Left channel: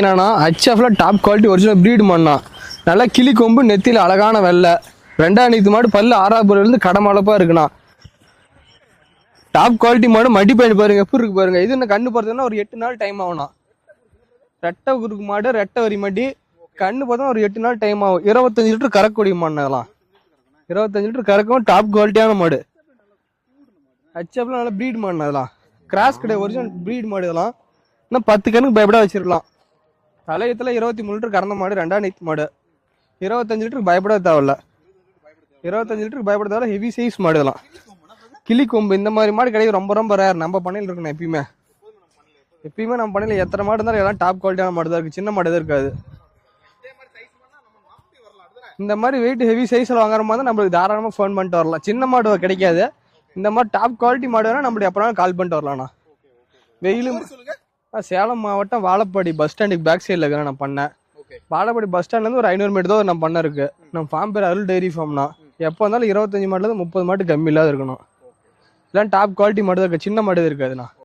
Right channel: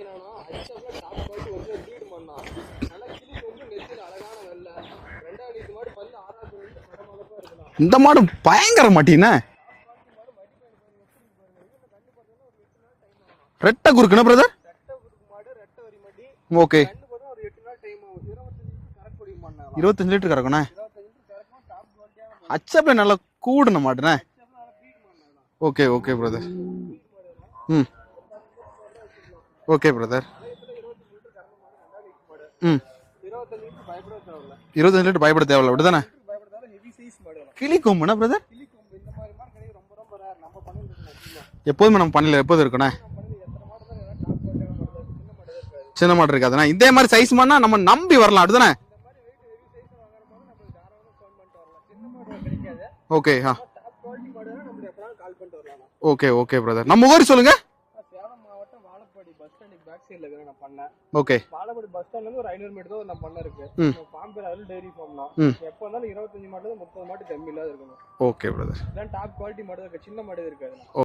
என்னன்னா ஹச்எஃப்ல top quality original breed மண்ணா. நல்லா கிளி கொம்பு நெத்தியில் அழகான வெள்ளை. ரெண்டாம் நீத்து மாடு பல்லு ஆறாவது இருந்து கடமளப்பா இருக்குண்ணா. இந்த மாடு பயங்கர மாட்டினா டாப் குவாலிட்டி மாடு மடி பயன் பாருங்க எப்படி இருக்கு பாருங்க. இது என்ன கண்ணு பார்த்தோம்னா ஒரு எட்டு நாள் டைம் ஆகும்ண்ணா. ரெட்டை குறுக்குன பிரதர் ரெட்டை குறுக்கு மாடு ரெட்டை வரி மடி ஓகே. கண்ணு பார்த்தா ஒரு எட்டு நாள் டைம் ஆகும். இருபத்தஞ்சு லிட்டர் கறக்கூடிய மண்ணலாம். இருபத்தஞ்சு லிட்டர் கறக்கணும் இருபத்தஞ்சு லிட்டர் கறக்கும் டாப் குவாலிட்டியான மாடு. ஹெச்எப்ல நல்லா கூடுன மாடுனே ஹச்எஃப்ல நல்ல ப்ரீட் மாடு அதெல்லாம். ஓகே ஒரிஜினல் ப்ரீட் மாடு இதெல்லாம். இன்னும் பத்து கண்ணுக்கு பயப்பட வச்சிருக்கலாம். ஓகே பிரதர் கலையத்துல இருபத்தி மூணு லிட்டர் கறந்த மாடு ரெண்டாம் நீத்து மாடு. இருபத்தஞ்சு லிட்டர் பயப்பட தேவையில்ல. இருபத்தஞ்சு லிட்டர் பயப்பட தேவையில்ல லிட்டர் பயப்பட தேவையில்ல ஹெவி சைஸ் மாடு இதெல்லாம். கிளி கொம்புனா பிரதர் கிளி கொம்பு இந்த மாதிரி மாடு கிடையாது ரொம்ப ரொம்ப ரேர் நம்ம பண்ணையில இருக்கணும் எப்பயுமே. எப்போதுமே நம்ம பண்ணல எப்போதும் இருக்கணும்? நம்ம பண்ணையில எத்தனை மாடு இருந்தாலும் எல்லாம் டாப் குவாலிட்டியான மாடு தான் இருக்கு. சின்ன மாடு தான் இருக்காது. சின்ன மாடு இருக்காதுண்ணா இதே மாதிரி சைஸ் மாடுனா நம்ம நம்பி வரலாம் அப்படிதானே? இந்த மாதிரி வெயிட் ஹெவி சைஸ்ல வாங்குற மாதிரி நம்மளுக்கு தாராளமா ஃபோன் பண்ணிட்டு வரலாம். சின்ன மாடு கிடைக்காது. ஓகே இந்த மாதிரி டாப் குவாலிட்டி மாடு வேணா நம்மளுக்கு எப்பனாலும் கால் பண்ணிட்டு வரலாம்ண்ணா ஓகே ஓகே பிரதர் நம்ம ஊர் சொல்லுங்க. சேலம் மாவட்டம் வாழப்பாடி பஸ் ஸ்டாண்டுக்கு பேக் சைடில் இருக்கிறேன் நான் பண்ணேன். ஓகே வாழப்பாடி பஸ் ஸ்டாண்ட்ல இருந்து ஒரு ஐநூறு மீட்டர் தான் நான் பண்ண இருக்கு. நம்ம ஃபார்ம் பேர் அருள் டைரி ஃபார்ம்னா. எப்போ இருந்தாலும் இருபத்தஞ்சு மாட்டுல இருந்து முப்பது மாட்டு கம்மி இல்லாத இருக்கணும். ஓகே பிரதர் இல்லை டாப் குவாலிட்டி மாடு தான் இருக்கு சின்ன மாடு இருக்காதுண்ணா.